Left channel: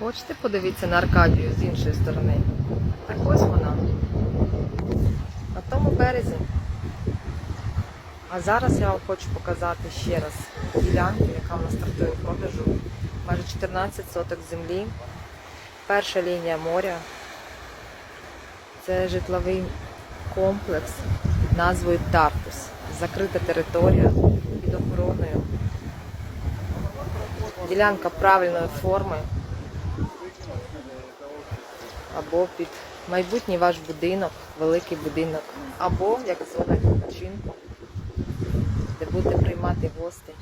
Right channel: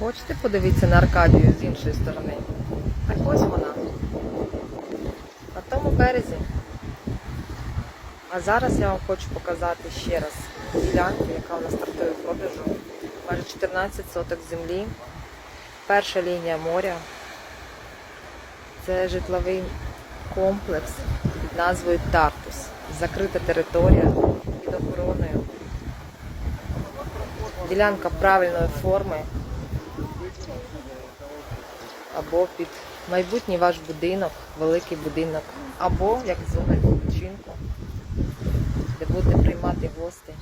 Хочете подивитися на Аркадію з іншої сторони? Так ось вона. На тому березі. А зараз я вам хочу показати ще раз ділянку, яка у нас стартує в продажу. Майже 14 соток землі. Перша лінія моря. Це житловий комплекс під назвою Тартус. Закрита територія під охороною. Ділянка правильної форми або під майбутній ваш будинок, великий будинок, або як зона відпочинку, де будете приймати гостей.